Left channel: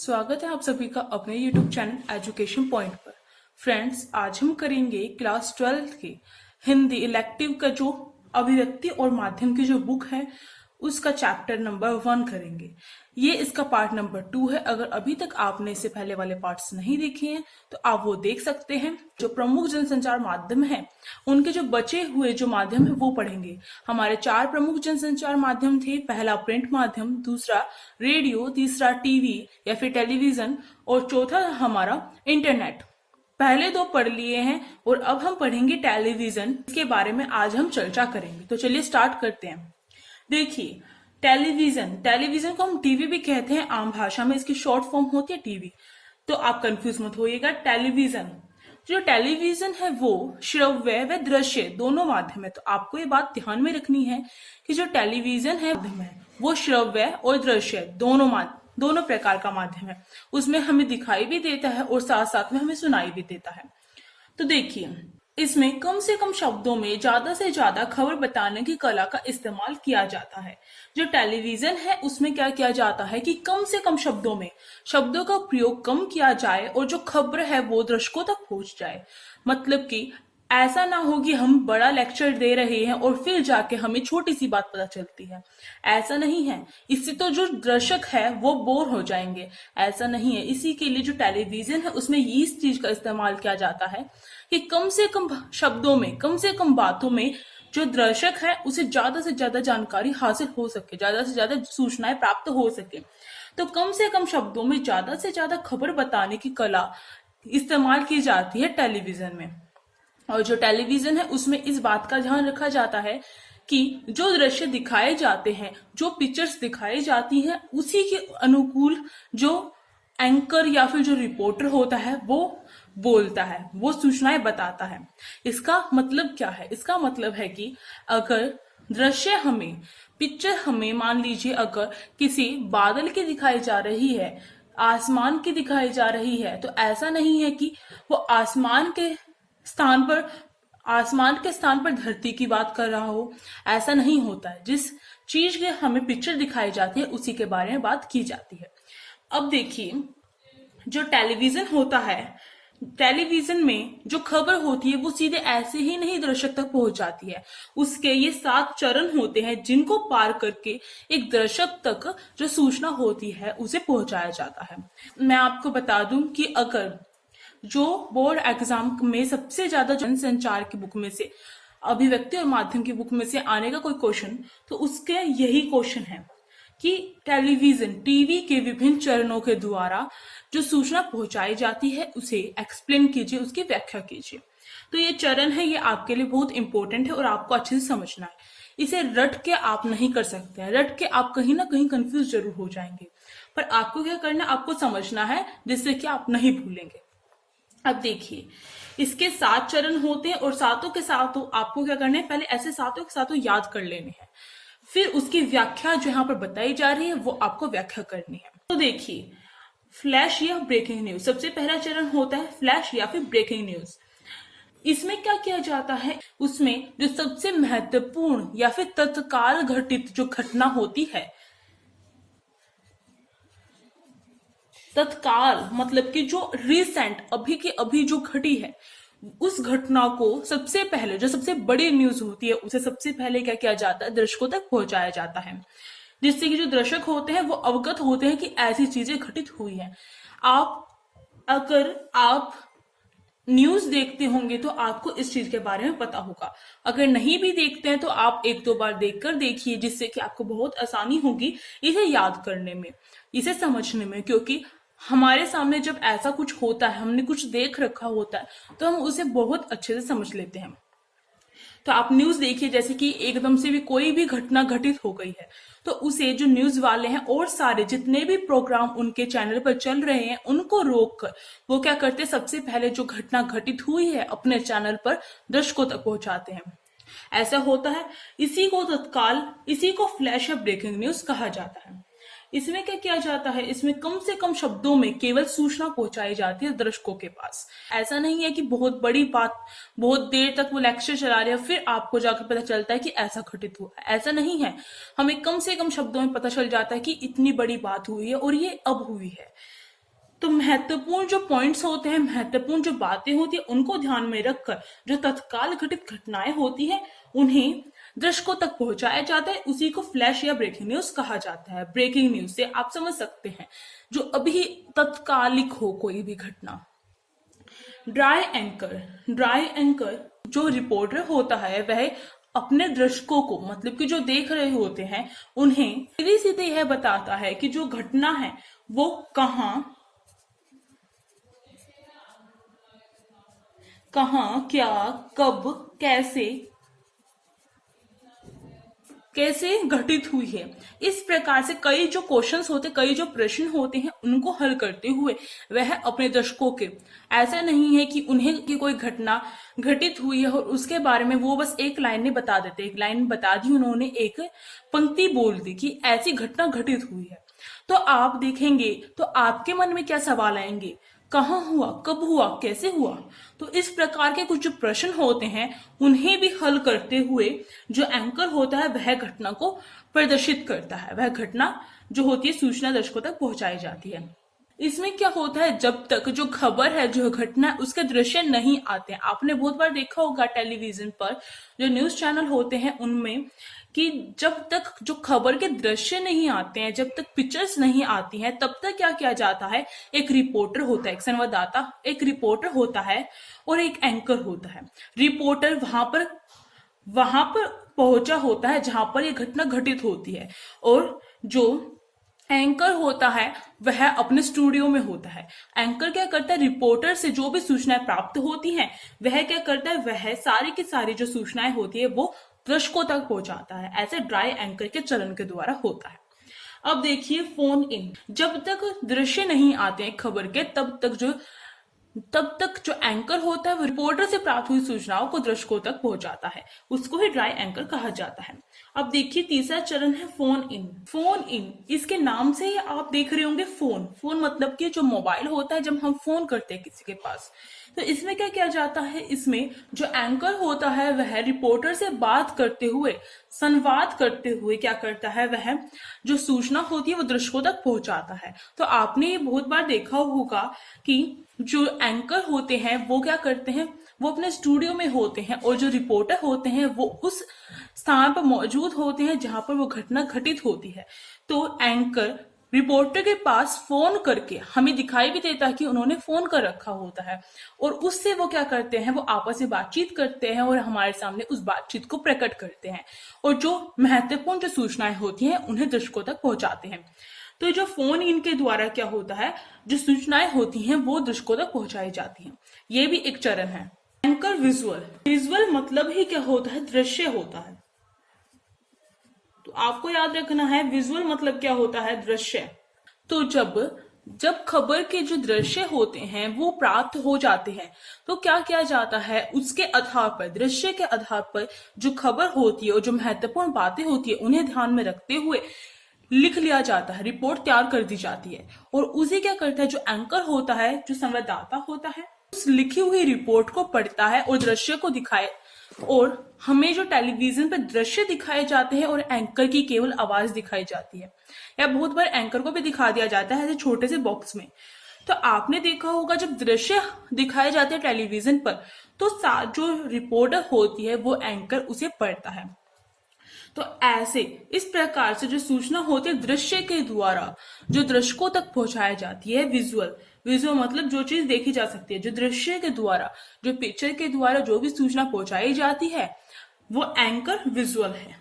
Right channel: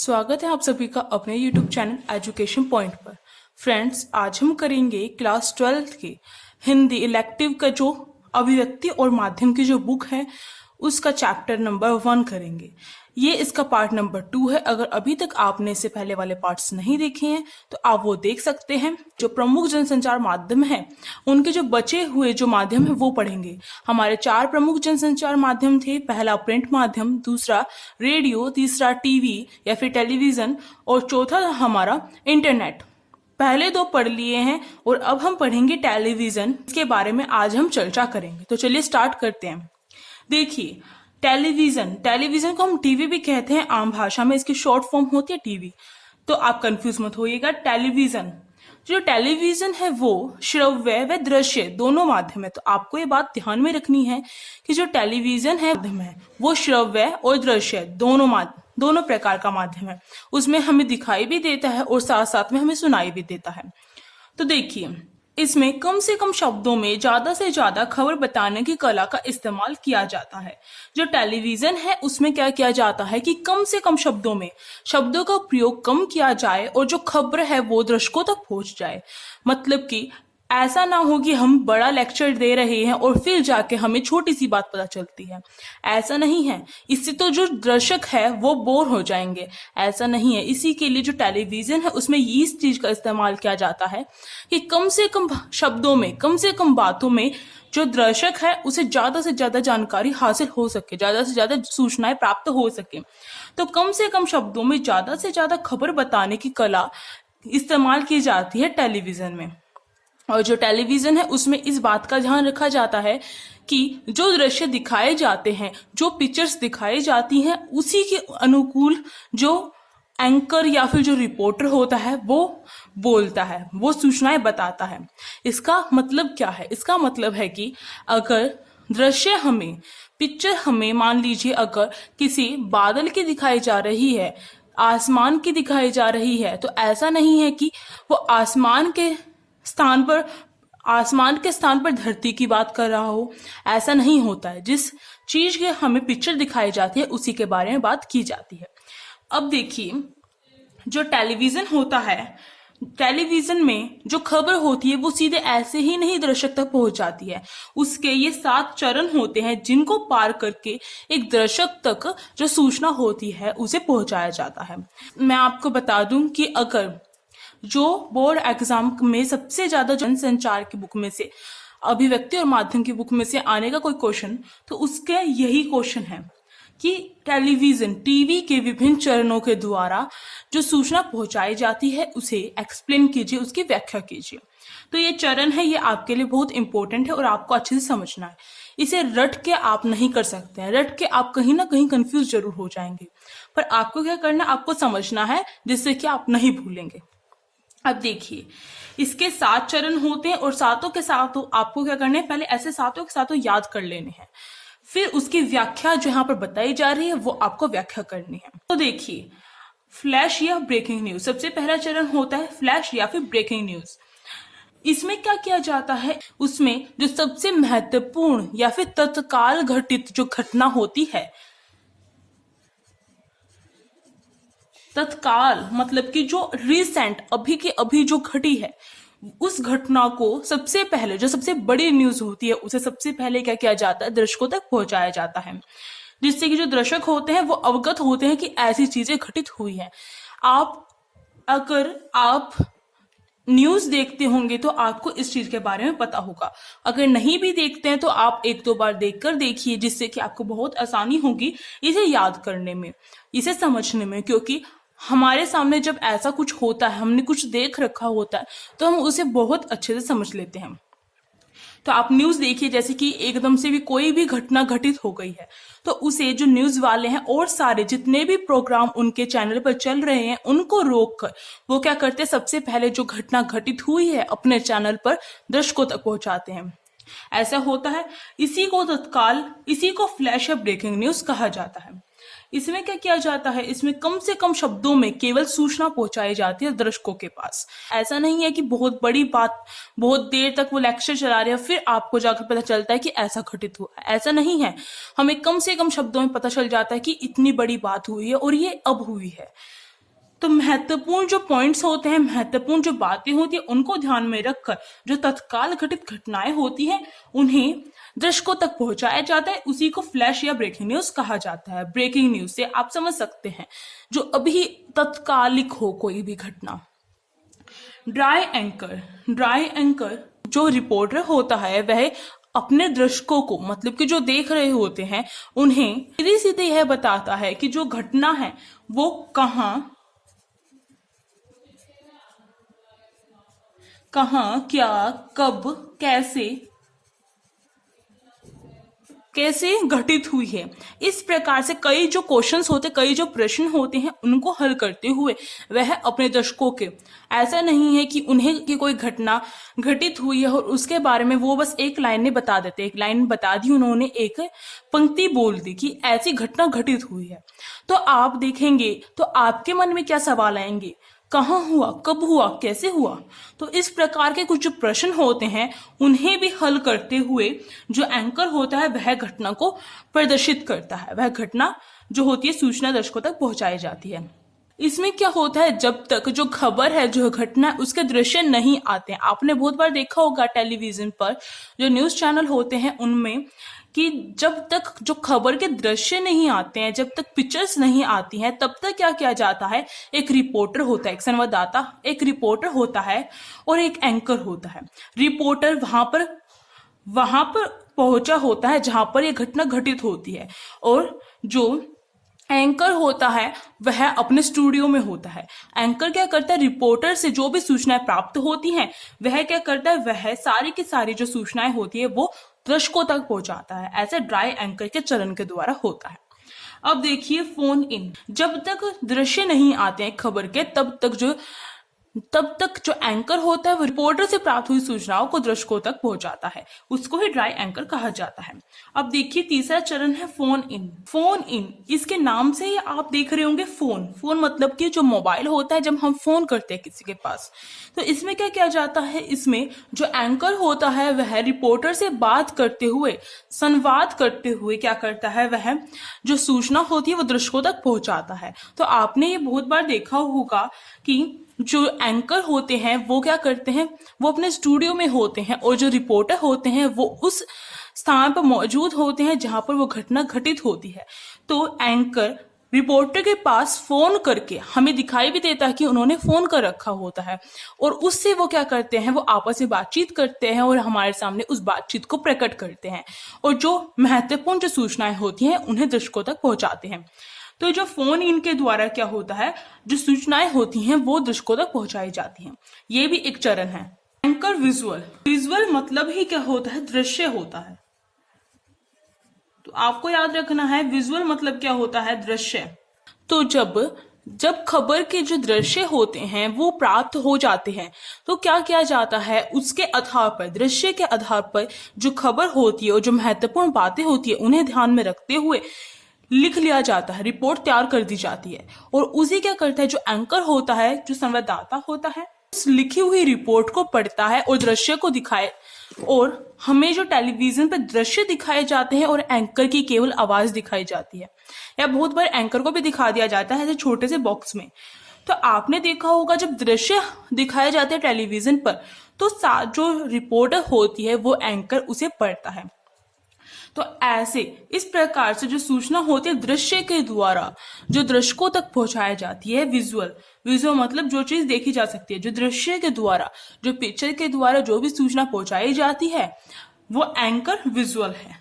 स्वागत है आप सभी का अपने YouTube चैनल एजुकेशन पॉइंट पर। फ्रेंड्स, आज हम करेंगे क्लास 12 की हिंदी इलेक्टिव का जो अभिव्यक्ति और माध्यम की जो बुक है उसका चैप्टर नंबर 1 करेंगे। ये इसका पार्ट नंबर 2 है। अगर अभी तक आपने इससे पहले वाले पार्ट्स नहीं देखे हैं तो आप वो देख सकते हैं। जो प्रमुख जनसंचार माध्यम है उनके जो बचे हुए जो माध्यम है वो पढ़ेंगे। हमारे 4 प्रमुख जनसंचार माध्यम थे। पहला प्रिंट माध्यम, दूसरा रेडियो, तीसरा टीवी या फिर टेलीविजन और चौथा हमारा इंटरनेट। पहले 2 पढ़ लिए हैं और अब हम पढ़ेंगे टेलीविजन। इसके बारे में आज हम चर्चा करेंगे। तो चलिए स्टार्ट करते हैं। देखिए, टेलीविजन को हम टीवी भी कहते हैं। आम भाषा में इसकी शॉर्ट फॉर्म होती है टीवी। तो आप कंफ्यूज मत होइएगा। जो टेलीविजन है वो श्रव्य व दृश्य दोनों माध्यम है। तो आपको ये बात ध्यान में रखनी है कि जो टेलीविजन है माध्यम है वो श्रव्य और दृश्य दोनों प्रकार का माध्यम है। उसमें हमें दिखाई भी देता है और साथ साथ में हमें सुनाई भी देता है। तो देखिए, इसमें कम से कम शब्दों में ज्यादा से ज्यादा खबर बताने की कला का इस्तेमाल किया जाता है। जो टेलीविजन है उसमें क्या किया जाता है कि कम से कम शब्दों में शब्दों का प्रयोग कम किया जाए और जो खबर है वो दर्शकों तक पहुंच जाए। मतलब कि ऐसा ना हो कि हम बड़ा लेक्चर दे रहे हैं और फिर जाके हमें छोटी सी बात पता चलती है। ऐसा नहीं है। इससे तो जो दर्शक है वो बोर हो जाएंगे। ऐसा नहीं है। इसी के लिए जो टेलीविजन है उसमें इस चीज का इस्तेमाल किया जाता है कि कम से कम शब्दों में, कम से कम बातों में जो दर्शक है उसे ज्यादा से ज्यादा जानकारी हासिल हो सके, ज्यादा से ज्यादा सूचनाएं प्राप्त हो सके। तो कम से कम शब्दों में ज्यादा से ज्यादा खबर बताने की कला इस्तेमाल की जाती है टेलीविजन में। और जो टेलीविजन है उसमें इस बात का ध्यान रखा जाता है कि जो दृश्य दिखाए जाते हैं, जो पिक्चर्स दिखाई जाती हैं, उसी के अनुकूल जो एंकर या फिर जो रिपोर्टर होता है वो बोलता है, वो सूचनाएं बताता है। इसका मतलब क्या है? इसका मतलब है कि अगर दृश्य हमें, पिक्चर हमें, मान लीजिए अगर किसी बादल की दिखाई जा रही है, आसमान की दिखाई जा रही है, तो ऐसा नहीं है कि वो आसमान के स्थान पर धरती की बात कर रहा हो। ऐसा नहीं होता है। जिस चीज के हमें पिक्चर दिखाई जाती है उसी के बारे में बात की जाती है। अब देखिए, जो टेलीविजन होता है, टेलीविजन में जो खबर होती है वो सीधे ऐसे ही नहीं दर्शक तक पहुंच जाती है। उसके ये 7 चरण होते हैं जिनको पार करके एक दर्शक तक जो सूचना होती है उसे पहुंचाया जाता है। मैं आपको बता दूं कि अगर जो बोर्ड एग्जाम में सबसे ज्यादा जनसंचार की बुक में से, अभिव्यक्ति और माध्यम की बुक में से आने का कोई क्वेश्चन, तो उसके यही क्वेश्चन है कि टेलीविजन, टीवी के विभिन्न चरणों के द्वारा जो सूचना पहुंचाई जाती है उसे एक्सप्लेन कीजिए, उसकी व्याख्या कीजिए। तो ये चरण है, ये आपके लिए बहुत इंपॉर्टेंट है और आपको अच्छे से समझना है। इसे रट के आप नहीं कर सकते हैं। रट के आप कहीं ना कहीं कंफ्यूज जरूर हो जाएंगे, पर आपको क्या करना है, आपको समझना है जिससे कि आप नहीं भूलेंगे। अब देखिए, इसके 7 चरण होते हैं और सातों के सातों आपको क्या करना है, पहले ऐसे सातों के सातों याद कर लेने हैं। फिर उसकी व्याख्या जो यहाँ पर बताई जा रही है वो आपको व्याख्या करनी है। तो देखिए, फ्लैश या ब्रेकिंग न्यूज, सबसे पहला चरण होता है फ्लैश या फिर ब्रेकिंग न्यूज। इसमें क्या किया जाता है, उसमें जो सबसे महत्वपूर्ण या फिर तत्काल घटित जो घटना होती है, तत्काल मतलब कि जो रिसेंट, अभी के अभी जो घटी है, उस घटना को सबसे पहले, जो सबसे बड़ी न्यूज होती है उसे सबसे पहले क्या किया जाता है, दर्शकों तक पहुंचाया जाता है, जिससे कि जो दर्शक होते हैं वो अवगत होते हैं कि ऐसी चीजें घटित हुई हैं। अगर आप न्यूज देखते होंगे तो आपको इस चीज के बारे में पता होगा। अगर नहीं भी देखते हैं तो आप 1-2 बार देखकर देखिए, जिससे कि आपको बहुत आसानी होगी इसे याद करने में, इसे समझने में। क्योंकि हमारे सामने जब ऐसा कुछ होता है, हमने कुछ देख रखा होता है, तो हम उसे बहुत अच्छे से समझ लेते हैं। तो आप न्यूज देखिए, जैसे कि एकदम से भी कोई भी घटना घटित हो गई है तो उसे जो न्यूज वाले हैं और सारे जितने भी प्रोग्राम उनके चैनल पर चल रहे हैं उनको रोक कर वो क्या करते हैं, सबसे पहले जो घटना घटित हुई है अपने चैनल पर दर्शकों तक पहुंचाते हैं। ऐसा होता है। इसी को फ्लैश या ब्रेकिंग न्यूज कहा जाता है। इसमें क्या किया जाता है, इसमें कम से कम शब्दों में केवल सूचना पहुंचाई जाती है दर्शकों के पास। ऐसा नहीं है कि बहुत बड़ी बात, बहुत देर तक वो लेक्चर चला रहे हैं फिर आपको जाकर पता चलता है कि ऐसा घटित हुआ। ऐसा नहीं है। हमें कम से कम शब्दों में पता चल जाता है कि इतनी बड़ी बात हुई है और ये अब हुई है। तो महत्वपूर्ण जो पॉइंट्स होते हैं, महत्वपूर्ण जो बातें होती है, उनको ध्यान में रखकर जो तत्काल घटित घटनाएं होती हैं उन्हें दर्शकों तक पहुंचाया जाता है। उसी को फ्लैश या ब्रेकिंग न्यूज कहा जाता है। ब्रेकिंग न्यूज से आप समझ सकते हैं जो अभी तत्कालिक हो कोई भी घटना। ड्राई एंकर, ड्राई एंकर जो रिपोर्टर होता है वह अपने दर्शकों को, मतलब कि जो देख रहे होते हैं, उन्हें सीधे सीधे यह बताता है कि जो घटना है वो कहाँ क्या, कब, कैसे घटित हुई है। इस प्रकार से कई जो क्वेश्चंस होते, कई जो प्रश्न होते हैं, उनको हल करते हुए वह अपने दर्शकों के, ऐसा नहीं है कि उन्हें कि कोई घटना घटित हुई है और उसके बारे में वो बस एक लाइन में बता देते, एक लाइन बता दी उन्होंने, एक पंक्ति बोल दी कि ऐसी घटना घटित हुई है। तो आप देखेंगे तो आपके मन में क्या सवाल आएंगे, कहाँ हुआ, कब हुआ, कैसे हुआ। तो इस प्रकार के कुछ जो प्रश्न होते हैं उन्हें भी हल करते हुए जो एंकर होता है वह घटना को प्रदर्शित करता है। वह घटना जो होती है सूचना दर्शकों तक पहुंचाई जाती है। इसमें क्या होता है, जब तक जो खबर है, जो घटना है, उसके दृश्य नहीं आते हैं। आपने बहुत बार देखा होगा टेलीविजन पर जो न्यूज चैनल होते हैं उनमें कि जब तक जो खबर के दृश्य नहीं आते हैं, जब तक पिक्चर्स नहीं आती हैं, तब तक क्या किया जाता है, एक रिपोर्टर होता है, एक संवाददाता, एक रिपोर्टर होता है और एक एंकर होता है। रिपोर्टर वहां पर पहुंचा होता है जहां पर यह घटना घटित होती है, और जो एंकर होता है वह अपने स्टूडियो में होता है। एंकर क्या करता है, रिपोर्टर से जो भी सूचनाएं प्राप्त होती हैं वह क्या करता है, वह सारी की सारी जो सूचनाएं होती है वो दर्शकों तक पहुंचाता है। ऐसे ड्राई एंकर के चरण के द्वारा होता है। अब देखिए फोन इन, जब तक दृश्य नहीं आते हैं खबर के, तब तक जो एंकर होता है वो रिपोर्टर से प्राप्त हुई सूचनाओं को दर्शकों तक पहुंचाता है, उसको ही ड्राई एंकर कहा जाता है। अब देखिए तीसरा चरण है फोन इन। फोन इन, इसके नाम से ही आप देख रहे होंगे फोन, फोन मतलब कि जो मोबाइल होता है जब हम फोन करते हैं किसी के पास। तो इसमें क्या किया जाता है, इसमें जो एंकर होता है वह रिपोर्टर से बात करते हुए, संवाद करते हुए क्या करता है, वह जो सूचना होती है वो दर्शकों तक पहुंचाता है। तो आपने ये बहुत बार देखा होगा कि जो एंकर होते हैं वो क्या करते हैं, वो अपने स्टूडियो में होते हैं और जो रिपोर्टर होते हैं वो उस स्थान पर मौजूद होते हैं जहां पर वो घटना घटित होती है। तो एंकर रिपोर्टर के पास फोन करके हमें दिखाई भी देता है कि उन्होंने फोन कर रखा होता है, और उससे वो क्या करते हैं, वो आपस में बातचीत करते हैं और हमारे सामने उस बातचीत को प्रकट करते हैं, और जो महत्वपूर्ण जो सूचनाएं होती हैं उन्हें दर्शकों तक पहुंचाते हैं। तो जो फोन इनके द्वारा क्या होता है, जो सूचनाएं होती हैं वो दर्शकों तक पहुंचाई जाती हैं। ये भी एक चरण है। एंकर विजुअल, विजुअल मतलब ही क्या होता है, दृश्य होता है। तो आपको याद रखना है विजुअल मतलब क्या होता है, दृश्य। तो जब खबर के जो दृश्य होते हैं वो प्राप्त हो जाते हैं तो क्या किया जाता है, उसके आधार पर, दृश्य के आधार पर जो खबर होती है और जो महत्वपूर्ण बातें होती है उन्हें ध्यान में रखते हुए लिख लिया जाता है, रिपोर्ट तैयार कर दी जाती है। और उसे क्या करता है, जो एंकर होता है, जो संवाददाता होता है, उस लिखी हुई रिपोर्ट को पढ़ता है और दृश्य को दिखाए, और हमें जो टेलीविजन पर दृश्य दिखाए जाते हैं और एंकर की केवल आवाज दिखाई जाती है, या बहुत बार एंकर को भी दिखा दिया जाता है ऐसे छोटे से बॉक्स में। तो आपने देखा होगा जब दृश्य दिखाए जाते हैं टेलीविजन पर तो जो रिपोर्टर होती है वो एंकर उसे पढ़ता है। तो ऐसे इस प्रकार से जो सूचना होती है दृश्य के द्वारा जो दर्शकों तक पहुंचाई जाती है, विजुअल, विजुअल मतलब जो चीज देखी जा सकती है, जो दृश्य के द्वारा, जो पिक्चर के द्वारा जो भी सूचना पहुंचाई जाती है वो एंकर विजुअल है।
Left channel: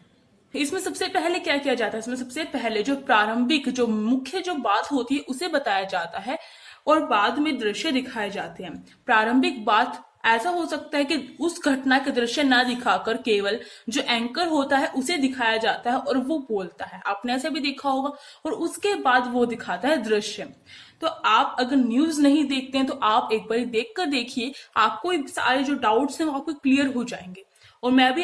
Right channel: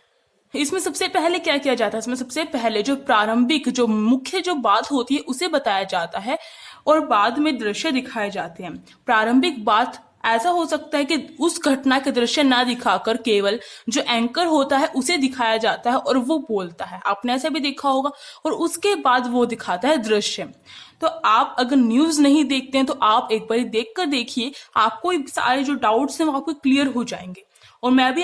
इसमें सबसे पहले क्या किया जाता है, इसमें सबसे पहले जो प्रारंभिक, जो मुख्य जो बात होती है उसे बताया जाता है और बाद में दृश्य दिखाए जाते हैं। प्रारंभिक बात ऐसा हो सकता है कि उस घटना के दृश्य ना दिखाकर केवल जो एंकर होता है उसे दिखाया जाता है और वो बोलता है, आपने ऐसा भी देखा होगा, और उसके बाद वो दिखाता है दृश्य। तो आप अगर न्यूज नहीं देखते हैं तो आप एक बार देख कर देखिए, आपको सारे जो डाउट्स हैं वो आपको क्लियर हो जाएंगे। और मैं भी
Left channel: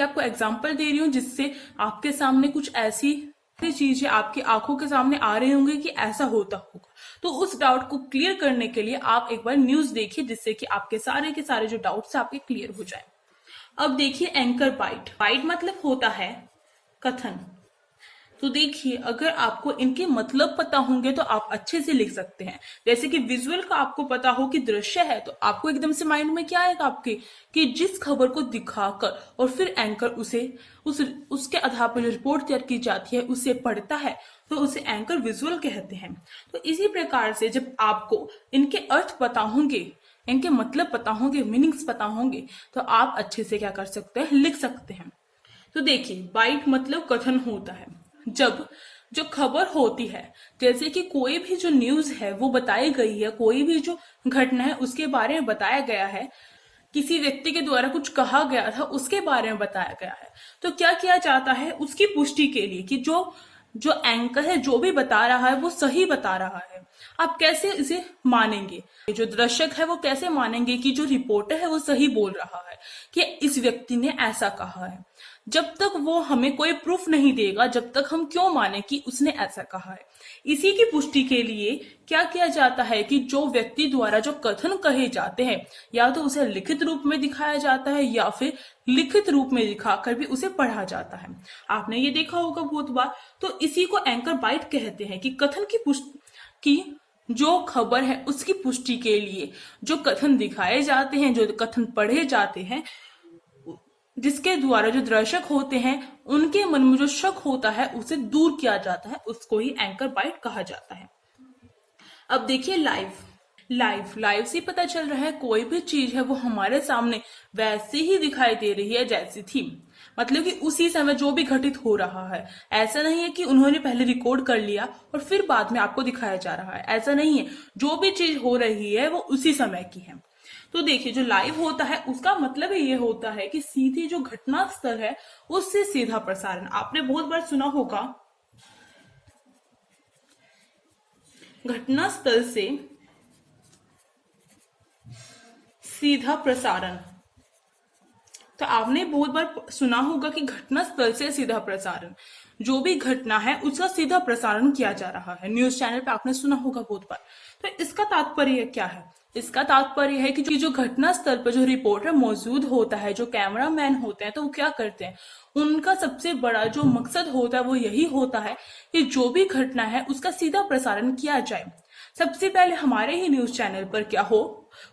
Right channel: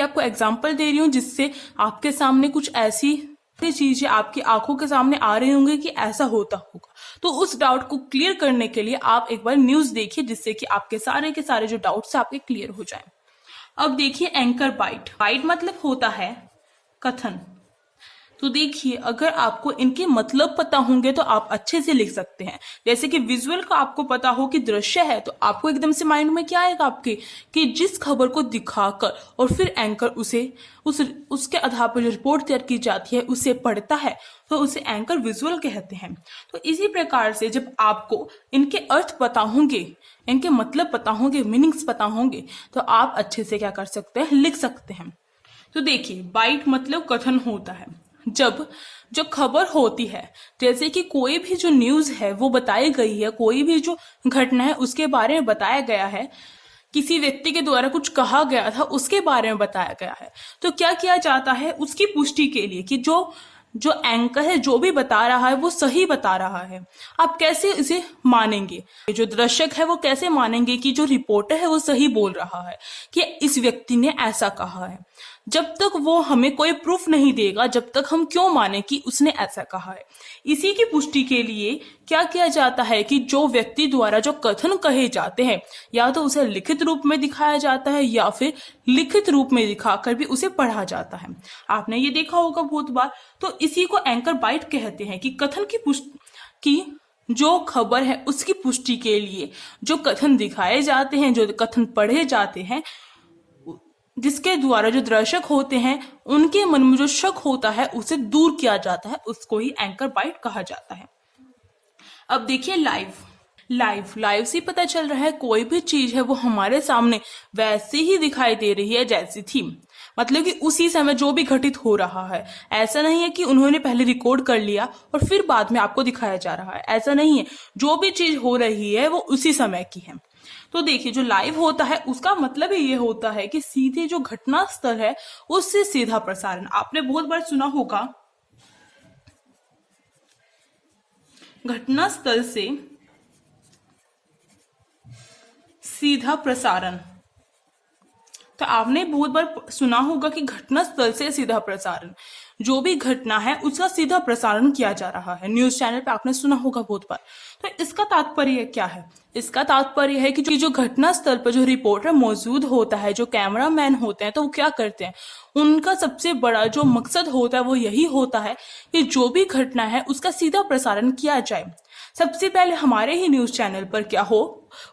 आपको एग्जाम्पल दे रही हूँ जिससे आपके सामने कुछ ऐसी चीजें आपकी आंखों के सामने आ रही होंगी कि ऐसा होता होगा। तो उस डाउट को क्लियर करने के लिए आप एक बार न्यूज देखिए जिससे कि आपके सारे के सारे जो डाउट्स है आपके क्लियर हो जाए। अब देखिए एंकर बाइट, बाइट मतलब होता है कथन। तो देखिए, अगर आपको इनके मतलब पता होंगे तो आप अच्छे से लिख सकते हैं। जैसे कि विजुअल का आपको पता हो कि दृश्य है, तो आपको एकदम से माइंड में क्या आएगा आपके, कि जिस खबर को दिखाकर और फिर एंकर उसे उसके आधार पर जो रिपोर्ट तैयार की जाती है उसे पढ़ता है, तो उसे एंकर विजुअल कहते हैं। तो इसी प्रकार से जब आपको इनके अर्थ पता होंगे, इनके मतलब पता होंगे, मीनिंग्स पता होंगे, तो आप अच्छे से क्या कर सकते हैं, लिख सकते हैं। तो देखिए, बाइट मतलब कथन होता है जब जो खबर होती है, जैसे कि कोई भी जो न्यूज है वो बताई गई है, कोई भी जो घटना है उसके बारे में बताया गया है, किसी व्यक्ति के द्वारा कुछ कहा गया था उसके बारे में बताया गया है, तो क्या किया जाता है उसकी पुष्टि के लिए कि जो जो एंकर है जो भी बता रहा है वो सही बता रहा है। आप कैसे इसे मानेंगे, जो दर्शक है वो कैसे मानेंगे कि जो रिपोर्टर है वो सही बोल रहा है, कि इस व्यक्ति ने ऐसा कहा है। जब तक वो हमें कोई प्रूफ नहीं देगा, जब तक हम क्यों माने कि उसने ऐसा कहा है। इसी की पुष्टि के लिए क्या किया जाता है कि जो व्यक्ति द्वारा जो कथन कहे जाते हैं, या तो उसे लिखित रूप में दिखाया जाता है या फिर लिखित रूप में दिखाकर भी उसे पढ़ा जाता है। आपने ये देखा होगा बहुत बार। तो इसी को एंकर बाइट कहते हैं, कि कथन की पुष्टि की जो खबर है उसकी पुष्टि के लिए जो कथन दिखाए जाते हैं, जो कथन पढ़े जाते हैं, जिसके द्वारा जो दर्शक होते हैं उनके मन में जो शक होता है उसे दूर किया जाता है, उसको ही एंकर बाइट कहा जाता है। अब देखिए, लाइव से पता चल रहा है कोई भी चीज है वो हमारे सामने वैसे ही दिखाई दे रही है जैसी थी, मतलब कि उसी समय जो भी घटित हो रहा है। ऐसा नहीं है कि उन्होंने पहले रिकॉर्ड कर लिया और फिर बाद में आपको दिखाया जा रहा है, ऐसा नहीं है। जो भी चीज हो रही है वो उसी समय की है। तो देखिए, जो लाइव होता है उसका मतलब ही ये होता है कि सीधे जो घटना स्थल है उससे सीधा प्रसारण। आपने बहुत बार सुना होगा, घटना स्थल से सीधा प्रसारण। तो आपने बहुत बार सुना होगा कि घटना स्थल से सीधा प्रसारण, जो भी घटना है उसका सीधा प्रसारण किया जा रहा है। न्यूज चैनल पे आपने सुना होगा बहुत बार। तो इसका तात्पर्य क्या है? इसका तात्पर्य है कि जो घटना स्थल पर जो रिपोर्टर मौजूद होता है, जो कैमरामैन होते हैं, तो वो क्या करते हैं, उनका सबसे बड़ा जो मकसद होता है वो यही होता है कि जो भी घटना है उसका सीधा प्रसारण किया जाए। सबसे पहले हमारे ही न्यूज चैनल पर क्या हो,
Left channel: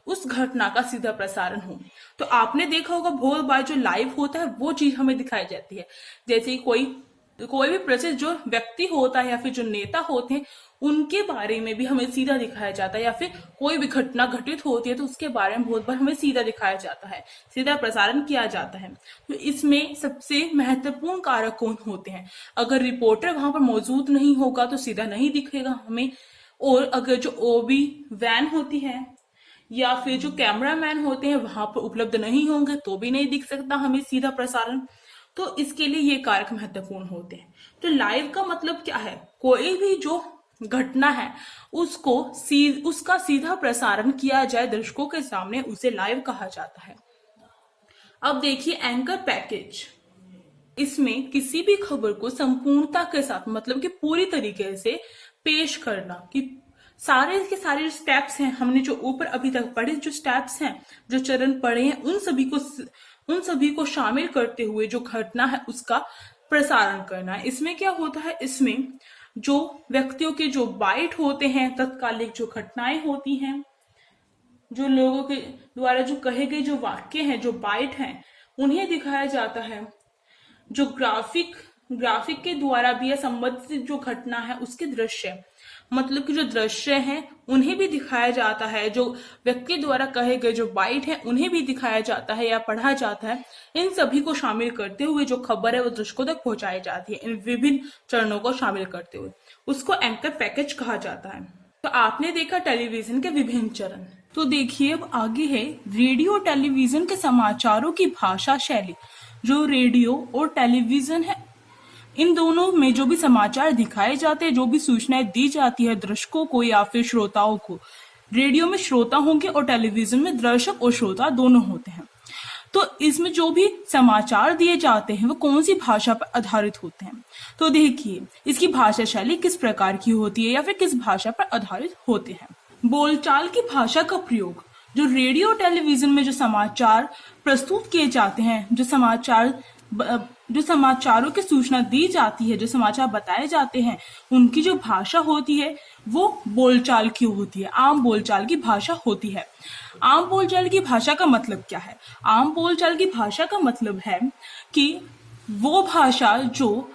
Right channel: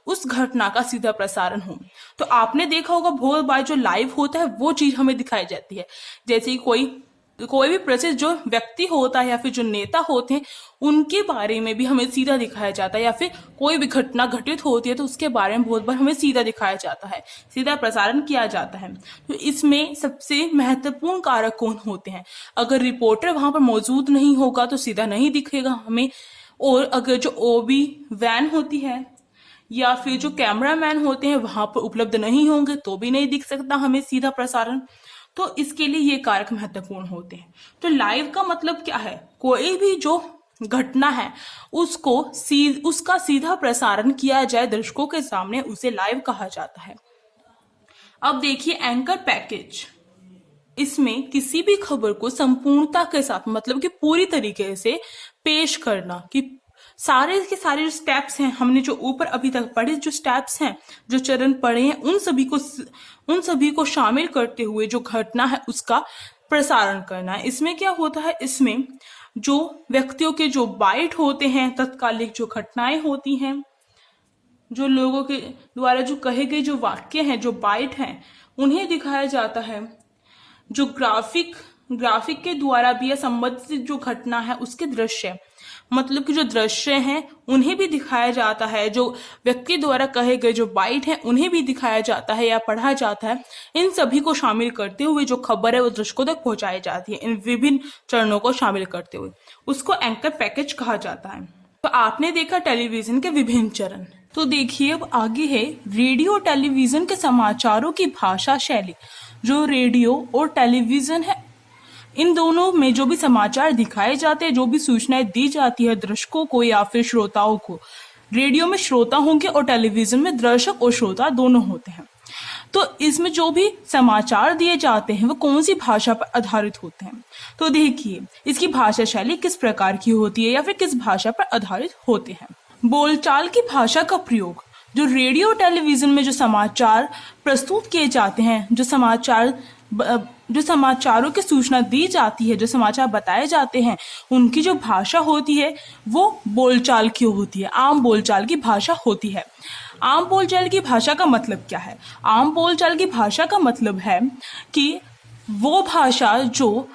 उस घटना का सीधा प्रसारण हो। तो आपने देखा होगा बहुत बार जो लाइव होता है वो चीज हमें दिखाई जाती है। जैसे कोई भी प्रसिद्ध जो व्यक्ति होता है या फिर जो नेता होते हैं उनके बारे में भी हमें सीधा दिखाया जाता है, या फिर कोई भी घटना घटित होती है तो उसके बारे में बहुत बार हमें सीधा दिखाया जाता है, सीधा प्रसारण किया जाता है। तो इसमें सबसे महत्वपूर्ण कारक कौन होते हैं? अगर रिपोर्टर वहां पर मौजूद नहीं होगा तो सीधा नहीं दिखेगा हमें, और अगर जो ओबी वैन होती है या फिर जो कैमरामैन होते हैं वहां पर उपलब्ध नहीं होंगे तो भी नहीं दिख सकता हमें सीधा प्रसारण। तो इसके लिए ये कारक महत्वपूर्ण होते हैं। तो लाइव का मतलब क्या है? कोई भी जो घटना है उसका सीधा प्रसारण किया जाए दर्शकों के सामने, उसे लाइव कहा जाता है। अब देखिए, एंकर पैकेज। इसमें किसी भी खबर को संपूर्णता के साथ, मतलब कि पूरी तरीके से पेश करना, कि सारे के सारे जो स्टेप्स हैं, हमने जो ऊपर अभी तक पढ़े जो स्टेप्स हैं, जो चरण पढ़े हैं, उन सभी को शामिल करते हुए जो घटना है उसका प्रसारण करना है। इसमें क्या होता है, इसमें जो व्यक्तियों के जो बाइट होते हैं, तत्कालिक जो घटनाएं होती हैं, जो लोगों के द्वारा जो कहे गए जो वाक्य हैं, जो बाइट हैं, उन्हें दिखाया जाता है। जो ग्राफिक के द्वारा भी या संबंधित जो घटना है उसके दृश्य, मतलब कि जो दृश्य हैं उन्हें भी दिखाया जाता है। जो व्यक्ति द्वारा कहे गए जो बाइट है उन्हें भी दिखाया जाता है या पढ़ा जाता है। इन सभी को शामिल करते हुए जो खबर है वो दर्शकों तक पहुंचाई जाती है। इन विभिन्न चरणों को शामिल करते हुए उसको एंकर पैकेज कहा जाता है। तो आपने देखा टेलीविजन के विभिन्न चरण। तो देखिए, अब आगे है रेडियो और टेलीविजन के समाचारों की भाषा शैली। जो रेडियो और टेलीविजन है, इन दोनों में जो भी समाचार दिखाए जाते हैं, जो भी सूचनाएं दी जाती है दर्शकों को या फिर श्रोताओं को, रेडियो में श्रोता होंगे और टेलीविजन में दर्शक और श्रोता दोनों होते हैं। तो इसमें जो भी समाचार दिए जाते हैं वो कौन सी भाषा पर आधारित होते हैं? तो देखिए, इसकी भाषा शैली किस प्रकार की होती है या फिर किस भाषा पर आधारित होते हैं। बोलचाल की भाषा का प्रयोग। जो रेडियो और टेलीविजन में जो समाचार प्रस्तुत किए जाते हैं, जो समाचार जो समाचारों की सूचना दी जाती है, जो समाचार बताए जाते हैं, उनकी जो भाषा होती है वो बोलचाल की होती है, आम बोलचाल की भाषा होती है। आम बोलचाल की भाषा का मतलब क्या है? आम बोलचाल की भाषा का मतलब है कि वो भाषा जो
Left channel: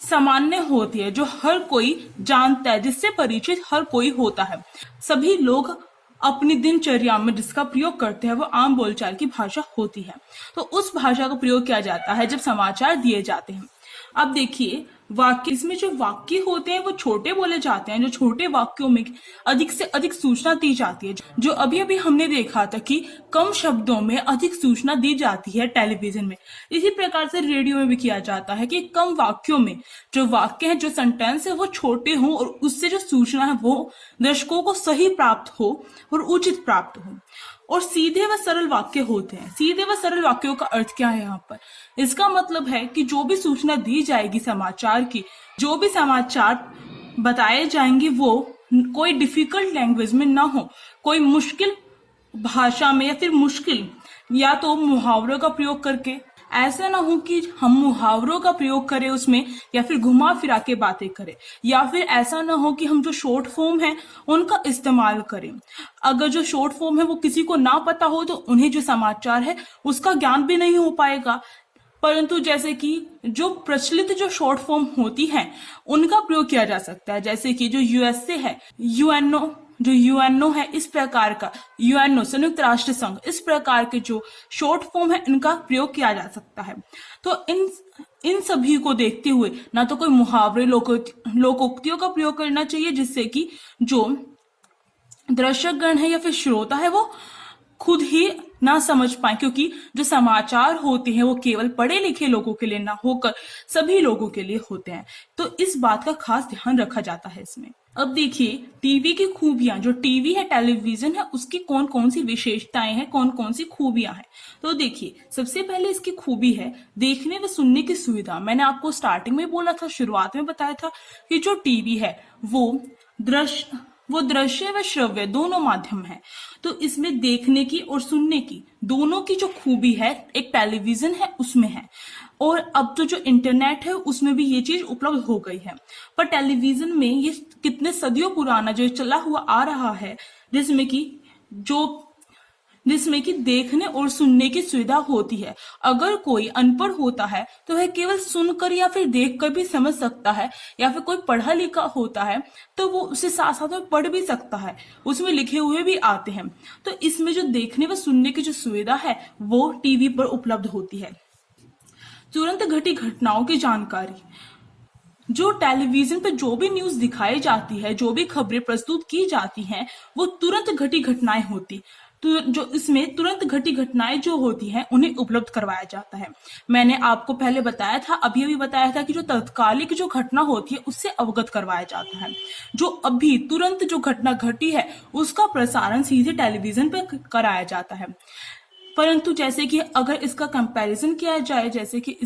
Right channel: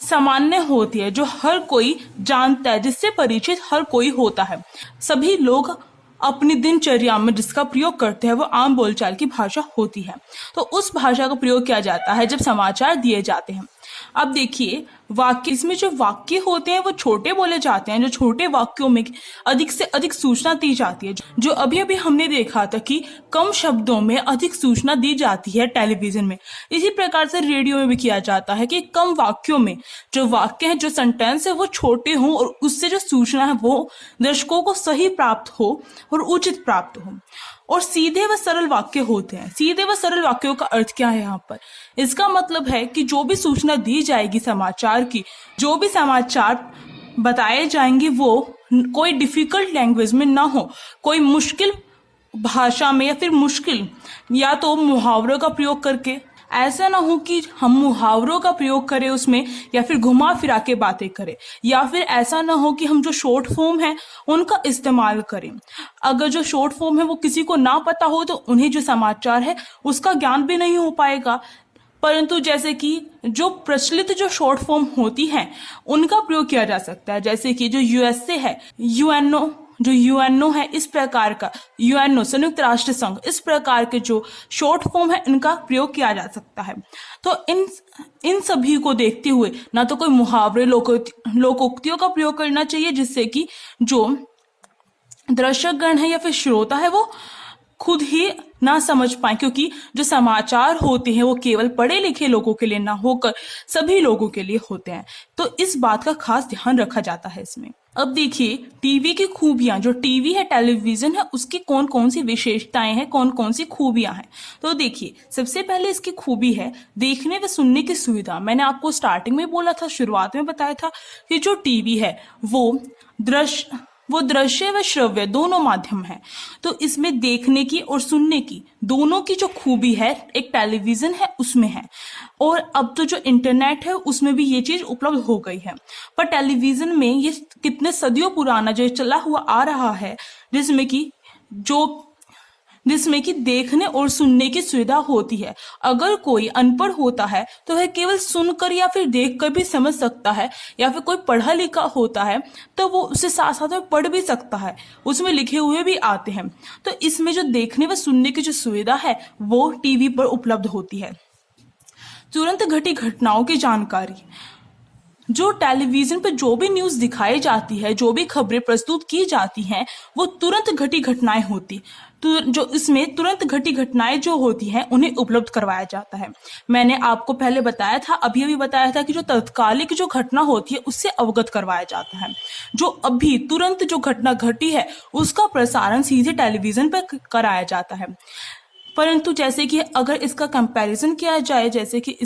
सामान्य होती है, जो हर कोई जानता है, जिससे परिचित हर कोई होता है। सभी लोग अपनी दिनचर्या में जिसका प्रयोग करते हैं वो आम बोलचाल की भाषा होती है। तो उस भाषा का प्रयोग किया जाता है जब समाचार दिए जाते हैं। अब देखिए, वाक्य, इसमें जो वाक्य होते हैं वो छोटे बोले जाते हैं। जो छोटे वाक्यों में अधिक से अधिक सूचना दी जाती है। जो अभी अभी हमने देखा था कि कम शब्दों में अधिक सूचना दी जाती है टेलीविजन में, इसी प्रकार से रेडियो में भी किया जाता है कि कम वाक्यों में जो वाक्य है, जो सेंटेंस है वो छोटे हों और उससे जो सूचना है वो दर्शकों को सही प्राप्त हो और उचित प्राप्त हो। और सीधे व सरल वाक्य होते हैं। सीधे व सरल वाक्यों का अर्थ क्या है यहाँ पर? इसका मतलब है कि जो भी सूचना दी जाएगी समाचार की, जो भी समाचार बताए जाएंगे वो कोई डिफिकल्ट लैंग्वेज में ना हो, कोई मुश्किल भाषा में या फिर मुश्किल या तो मुहावरों का प्रयोग करके। ऐसा ना हो कि हम मुहावरों का प्रयोग करें उसमें या फिर घुमा फिरा के बातें करें, या फिर ऐसा ना हो कि हम जो शॉर्ट फॉर्म है उनका इस्तेमाल करें। अगर जो शॉर्ट फॉर्म है वो किसी को ना पता हो तो उन्हें जो समाचार है उसका ज्ञान भी नहीं हो पाएगा। परंतु जैसे कि जो प्रचलित जो शॉर्ट फॉर्म होती हैं उनका प्रयोग किया जा सकता है, जैसे कि जो यूएसए है, यूएनओ, जो यूएनओ है, इस प्रकार का यूएनओ संयुक्त राष्ट्र संघ, इस प्रकार के जो शॉर्ट फॉर्म है इनका प्रयोग किया जा सकता है। तो इन सभी को देखते हुए ना तो कोई मुहावरे, लोकोक्तियों का प्रयोग करना चाहिए जिससे कि जो दर्शकगण है या फिर श्रोता है वो खुद ही ना समझ पाए, क्योंकि जो समाचार होते हैं वो केवल पढ़े लिखे लोगों के लिए ना होकर सभी लोगों के लिए होते हैं। तो इस बात का खास ध्यान रखा जाता है इसमें। अब देखिए, टीवी की खूबियां, जो टीवी है, टेलीविजन है, उसकी कौन कौन सी विशेषताएं हैं, कौन कौन सी खूबियां हैं। तो देखिए, सबसे पहले इसकी खूबी है देखने व सुनने की सुविधा। मैंने आपको स्टार्टिंग में बोला था, शुरुआत में बताया था कि जो टीवी है वो दृश्य व श्रव्य दोनों माध्यम है। तो इसमें देखने की और सुनने की दोनों की जो खूबी है एक टेलीविजन है उसमें है। और अब तो जो इंटरनेट है उसमें भी ये चीज उपलब्ध हो गई है। पर टेलीविजन में ये कितने सदियों पुराना जो चला हुआ आ रहा है, जिसमें कि देखने और सुनने की सुविधा होती है। अगर कोई अनपढ़ होता है तो वह केवल सुनकर या फिर देखकर भी समझ सकता है, या फिर कोई पढ़ा लिखा होता है तो वो उससे साथ साथ में पढ़ भी सकता है, उसमें लिखे हुए भी आते हैं। तो इसमें जो देखने व सुनने की जो सुविधा है वो टीवी पर उपलब्ध होती है। तुरंत घटी घटनाओं की जानकारी, जो टेलीविजन पर जो भी न्यूज दिखाई जाती है, जो भी खबरें प्रस्तुत की जाती हैं, वो तुरंत घटी घटनाएं होती, तो जो इसमें तुरंत घटी घटनाएं जो होती हैं उन्हें उपलब्ध करवाया जाता है। मैंने आपको पहले बताया था, अभी बताया था कि जो तत्कालिक जो घटना होती है उससे अवगत करवाया जाता है। जो अभी तुरंत जो घटना घटी है उसका प्रसारण सीधे टेलीविजन पर कराया जाता है। परंतु जैसे कि अगर इसका कंपैरिजन किया जाए, जैसे कि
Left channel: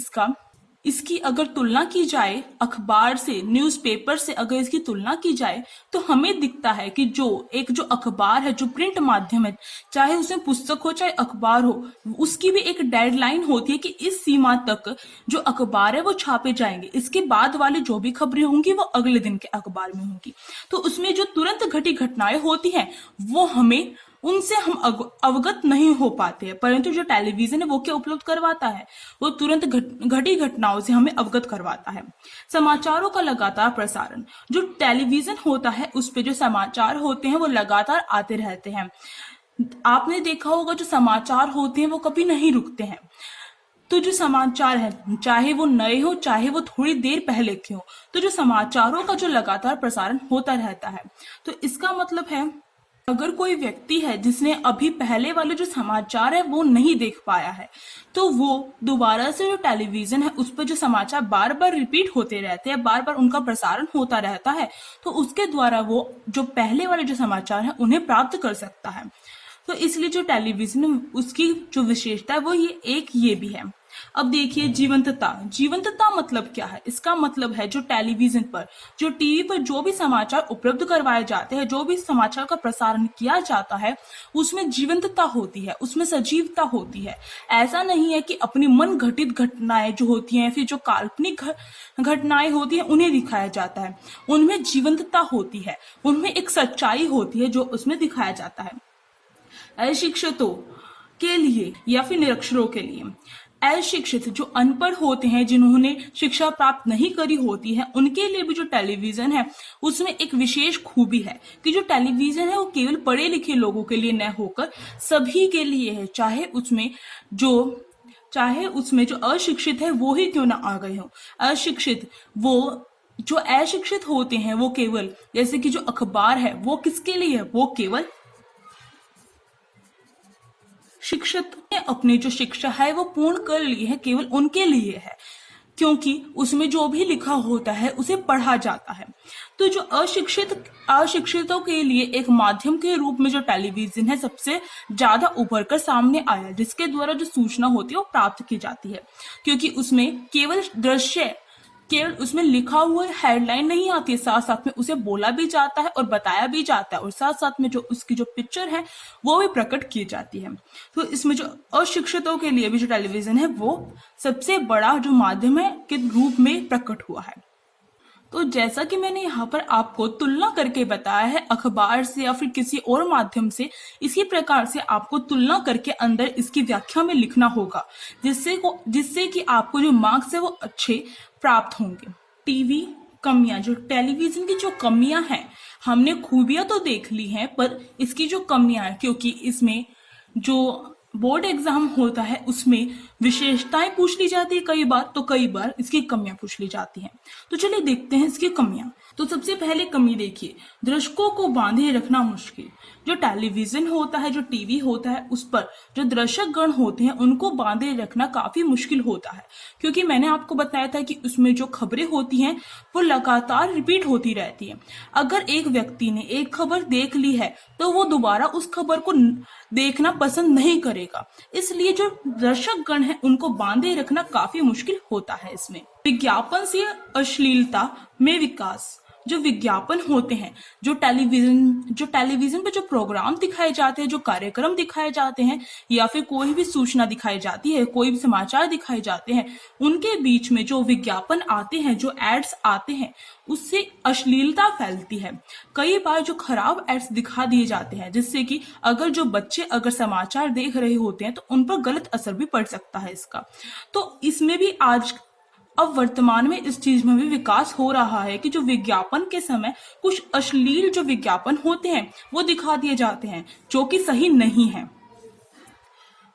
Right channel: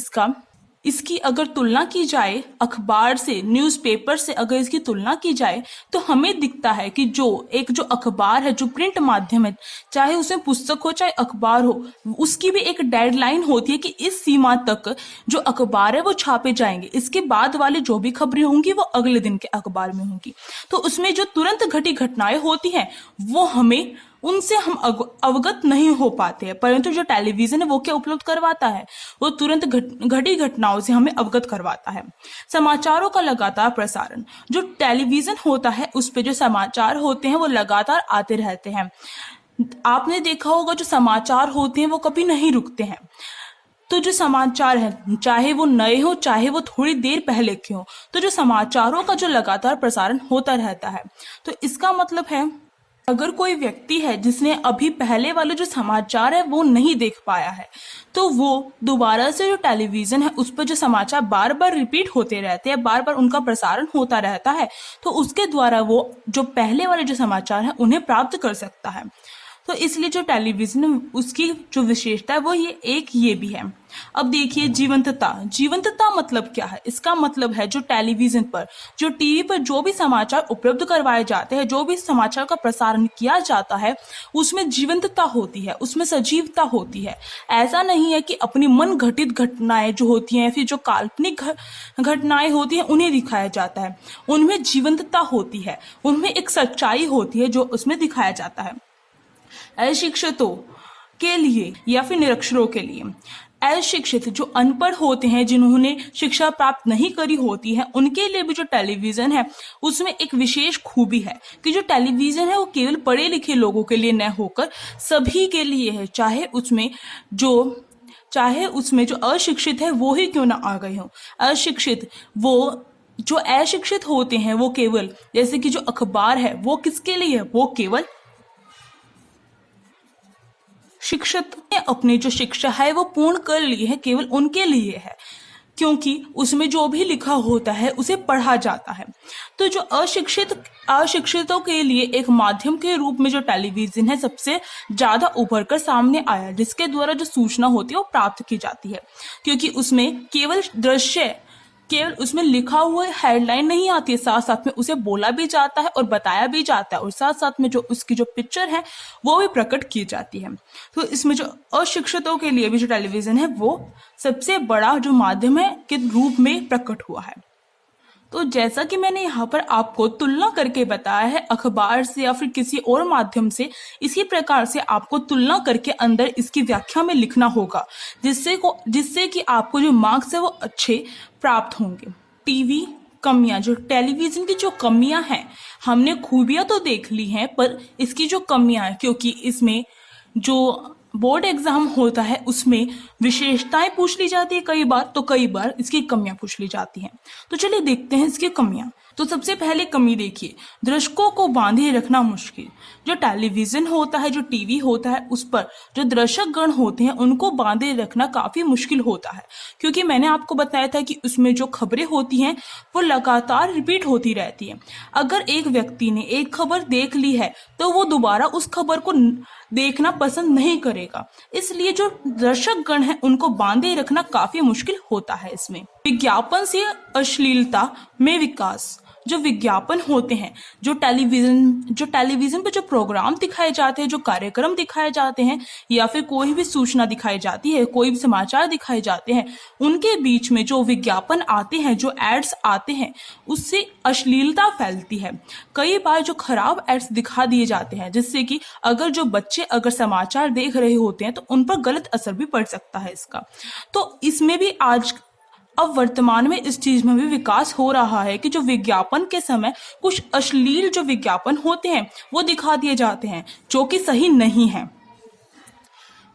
इसकी अगर तुलना की जाए अखबार से, न्यूज़पेपर से अगर इसकी तुलना की जाए तो हमें दिखता है कि जो अखबार है, जो प्रिंट माध्यम है, चाहे उसमें पुस्तक हो चाहे अखबार हो, उसकी भी एक डेडलाइन होती है कि इस सीमा तक जो अखबार है वो छापे जाएंगे, इसके बाद वाली जो भी खबरें होंगी वो अगले दिन के अखबार में होंगी। तो उसमें जो तुरंत घटी घटनाएं होती हैं वो उनसे हम अवगत नहीं हो पाते हैं। परंतु जो टेलीविजन है वो क्या उपलब्ध करवाता है, वो तुरंत घटी घटनाओं से हमें अवगत करवाता है। समाचारों का लगातार प्रसारण, जो टेलीविजन होता है उस पे जो समाचार होते हैं वो लगातार आते रहते हैं। आपने देखा होगा जो समाचार होते हैं वो कभी नहीं रुकते हैं। तो जो समाचार है, चाहे वो नए हो चाहे वो थोड़ी देर पहले के हो, तो जो समाचारों का जो लगातार प्रसारण होता रहता है। तो इसका मतलब है अगर कोई व्यक्ति है जिसने अभी पहले वाले जो समाचार है वो नहीं देख पाया है, तो वो दोबारा से जो टेलीविजन है उस पर जो समाचार बार बार रिपीट होते रहते हैं, बार बार उनका प्रसारण होता रहता है, तो उसके द्वारा वो जो पहले वाले जो समाचार है उन्हें प्राप्त कर सकता है। तो इसलिए जो टेलीविजन उसकी जो विशेषता है वो ये भी है। अब देखिए जीवंतता। जीवंतता मतलब क्या है? इसका मतलब है जो टेलीविजन पर, जो टीवी पर जो भी समाचार उपलब्ध करवाए जाते हैं, जो भी समाचार का प्रसारण किया जाता है, उसमें जीवंतता होती है, उसमें सजीवता होती है। ऐसा नहीं है कि अपनी मन घटित घटनाएं जो होती हैं, फिर जो काल्पनिक घटनाएं होती हैं उन्हें दिखाया जाता है। उनमें जीवंतता होती है, उनमें एक सच्चाई होती है जो उसमें दिखाया जाता है। अशिक्षितों के लिए या फिर निरक्षरों के लिए, अशिक्षित जो अनपढ़ होते हैं, जिन्होंने शिक्षा प्राप्त नहीं करी होती है, उनके लिए भी जो टेलीविजन है उसमें एक विशेष खूबी है कि जो टेलीविजन है वो केवल पढ़े लिखे लोगों के लिए न होकर सभी के लिए है, चाहे उसमें जो अशिक्षित है वो ही क्यों ना आ गए हो। जो अशिक्षित होते हैं वो केवल, जैसे कि जो अखबार है वो किसके लिए है? वो केवल शिक्षित ने अपनी जो शिक्षा है वो पूर्ण कर ली है, केवल उनके लिए है, क्योंकि उसमें जो भी लिखा होता है उसे पढ़ा जाता है। तो जो अशिक्षितों के लिए एक माध्यम के रूप में जो टेलीविजन है सबसे ज्यादा उभर कर सामने आया, जिसके द्वारा जो सूचना होती है वो प्राप्त की जाती है, क्योंकि उसमें केवल उसमें लिखा हुआ हेडलाइन नहीं आती है, साथ साथ में उसे बोला भी जाता है और बताया भी जाता है, और साथ साथ में जो उसकी जो पिक्चर है वो भी प्रकट की जाती है। तो इसमें जो अशिक्षितों के लिए भी जो टेलीविजन है वो सबसे बड़ा जो माध्यम है के रूप में प्रकट हुआ है। तो जैसा कि मैंने यहाँ पर आपको तुलना करके बताया है अखबार से या फिर किसी और माध्यम से, इसी प्रकार से आपको तुलना करके अंदर इसकी व्याख्या में लिखना होगा, जिससे कि आपको जो मार्क्स है वो अच्छे प्राप्त होंगे। टीवी कमियां, जो टेलीविजन की जो कमियां हैं, हमने खूबियां तो देख ली हैं, पर इसकी जो कमियां हैं, क्योंकि इसमें जो बोर्ड एग्जाम होता है उसमें विशेषताएं पूछ ली जाती है कई बार, तो कई बार इसकी कमियां पूछ ली जाती हैं। तो चलिए देखते हैं इसकी कमियां। तो सबसे पहले कमी देखिए, दर्शकों को बांधे रखना मुश्किल। जो टेलीविजन होता है, जो टीवी होता है, उस पर जो दर्शक गण होते हैं उनको बांधे रखना काफी मुश्किल होता है, क्योंकि मैंने आपको बताया था कि उसमें जो खबरें होती हैं वो लगातार रिपीट होती रहती है। अगर एक व्यक्ति ने एक खबर देख ली है तो वो दोबारा उस खबर को देखना पसंद नहीं करेगा, इसलिए जो दर्शक गण है उनको बांधे रखना काफी मुश्किल होता है। इसमें विज्ञापन से अश्लीलता में विकास। जो विज्ञापन होते हैं, जो टेलीविजन पर जो प्रोग्राम दिखाए जाते हैं, जो कार्यक्रम दिखाए जाते हैं, या फिर कोई भी सूचना दिखाई जाती है, कोई भी समाचार दिखाए जाते हैं, उनके बीच में जो विज्ञापन आते हैं, जो एड्स आते हैं, उससे अश्लीलता फैलती है। कई बार जो खराब एड्स दिखा दिए जाते हैं, जिससे कि अगर जो बच्चे अगर समाचार देख रहे होते हैं तो उन पर गलत असर भी पड़ सकता है इसका। तो इसमें भी अब वर्तमान में इस चीज में भी विकास हो रहा है कि जो विज्ञापन के समय कुछ अश्लील जो विज्ञापन होते हैं वो दिखा दिए जाते हैं, जो कि सही नहीं है।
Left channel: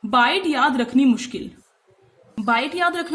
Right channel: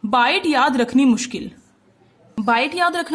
बाइट याद रखना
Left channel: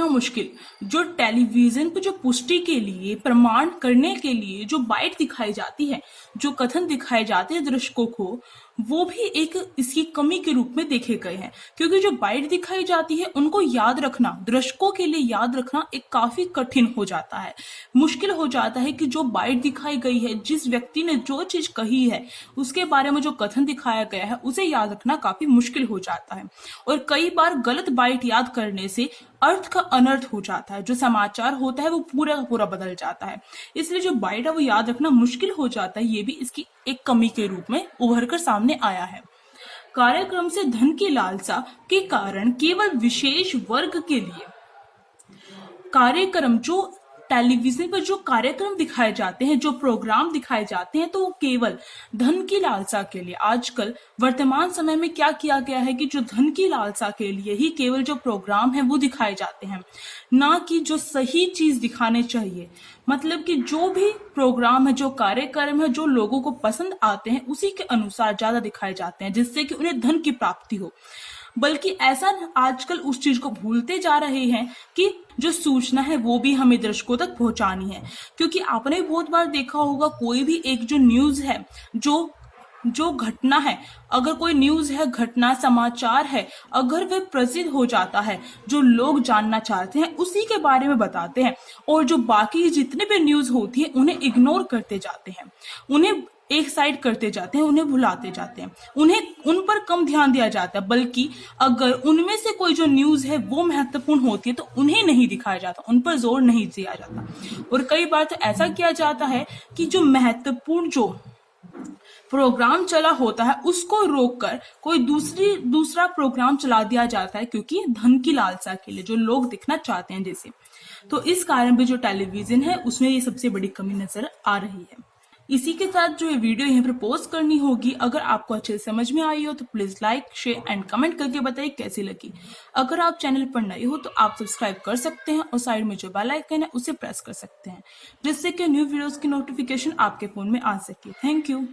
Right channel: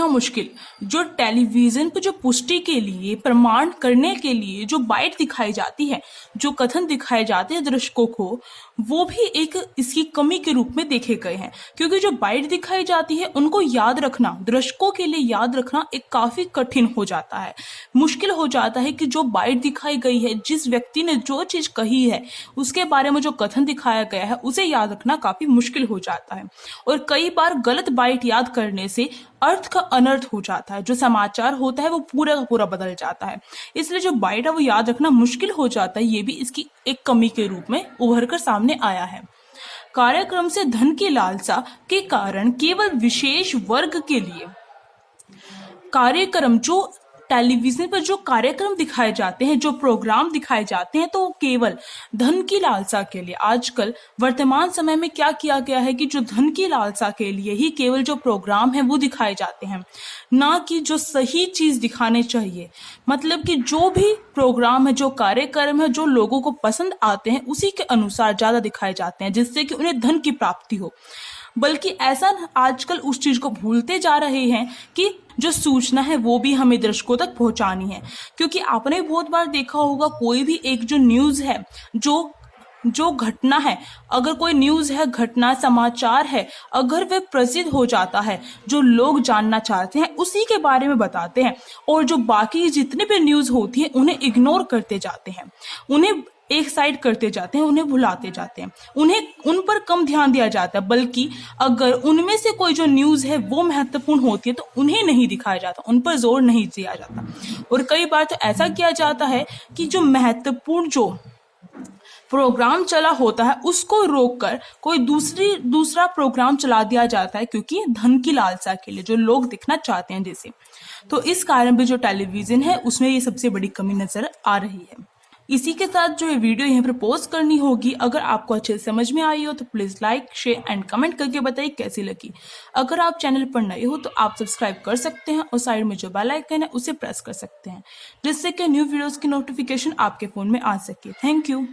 मुश्किल। जो टेलीविजन पर जो पुष्टि के लिए, प्रमाण करने के लिए जो बाइट दिखाई जाती है, जो कथन दिखाए जाते हैं दर्शकों को, वो भी एक इसकी कमी के रूप में देखे गए हैं, क्योंकि जो बाइट दिखाई जाती है उनको याद रखना, दर्शकों के लिए याद रखना एक काफी कठिन हो जाता है, मुश्किल हो जाता है कि जो बाइट दिखाई गई है, जिस व्यक्ति ने जो चीज कही है, उसके बारे में जो कथन दिखाया गया है, उसे याद रखना काफी मुश्किल हो जाता है। और कई बार गलत बाइट याद करने से अर्थ का अनर्थ हो जाता है, जो समाचार होता है वो पूरा का पूरा बदल जाता है, इसलिए जो बाइट है वो याद रखना मुश्किल हो जाता है। ये भी इसकी एक कमी के रूप में उभर कर सामने आया है। कार्यक्रम से धन की लालसा के कारण केवल विशेष वर्ग के लिए कार्यक्रम, जो टेलीविजन पर जो कार्यक्रम दिखाए जाते हैं, जो प्रोग्राम दिखाए जाते हैं, तो वो केवल धन की लालसा के लिए, आजकल वर्तमान समय में क्या किया गया है कि जो धन की लालसा के लिए ही केवल जो प्रोग्राम है वो दिखाए जाते हैं, ना कि जो सही चीज दिखाने चाहिए। मतलब कि जो भी प्रोग्राम है, जो कार्यक्रम है, जो लोगों को पसंद आते हैं, उसी के अनुसार ज्यादा दिखाए जाते हैं, जिससे कि उन्हें धन की प्राप्ति हो। बल्कि ऐसा आजकल उस चीज को भूलते जा रहे हैं कि जो सूचना है वो भी हमें दर्शकों तक पहुंचानी है, क्योंकि आपने बहुत बार देखा होगा कोई भी एक जो न्यूज है, जो घटना है, अगर कोई न्यूज है, घटना, समाचार है, अगर वे प्रसिद्ध हो जाता है, जो लोग जानना चाहते हैं उसी के बारे में बताते हैं, और जो बाकी जितने भी न्यूज होती है उन्हें इग्नोर करते जाते हैं, उन्हें एक साइड करते जाते हैं, उन्हें भुलाते जाते हैं, उन्हें उन पर कम ध्यान दिया जाता है, बल्कि अगर उनमें से कोई जो न्यूज है वो महत्वपूर्ण होती है तो उन्हें नहीं दिखाया जाता, उन पर जोर नहीं दिया जाता। और कई बार तो ऐसा किया जाता है कि जो महत्वपूर्ण जो प्रोग्राम चला होता है उसको रोककर कोई दूसरा प्रोग्राम चला दिया जाता है, क्योंकि धन की लालसा के लिए, जो लोग दिखना चाहते हैं जैसे। तो इस कारण भी जो टेलीविजन है उसमें ये सबसे बड़ी कमी नजर आ रही है। इसी के साथ जो ये वीडियो यहाँ पर पोस्ट करनी होगी, अगर आपको अच्छे से समझ में आई हो तो please like share and comment करके बताइए कैसी लगी। अगर आप चैनल पर नए हो तो आप सब्सक्राइब कर सकते हैं और साइड में जो बेल आइकन है उसे प्रेस कर सकते हैं, जिससे कि न्यू वीडियोस की नोटिफिकेशन आपके फोन में आ सके। Thank you.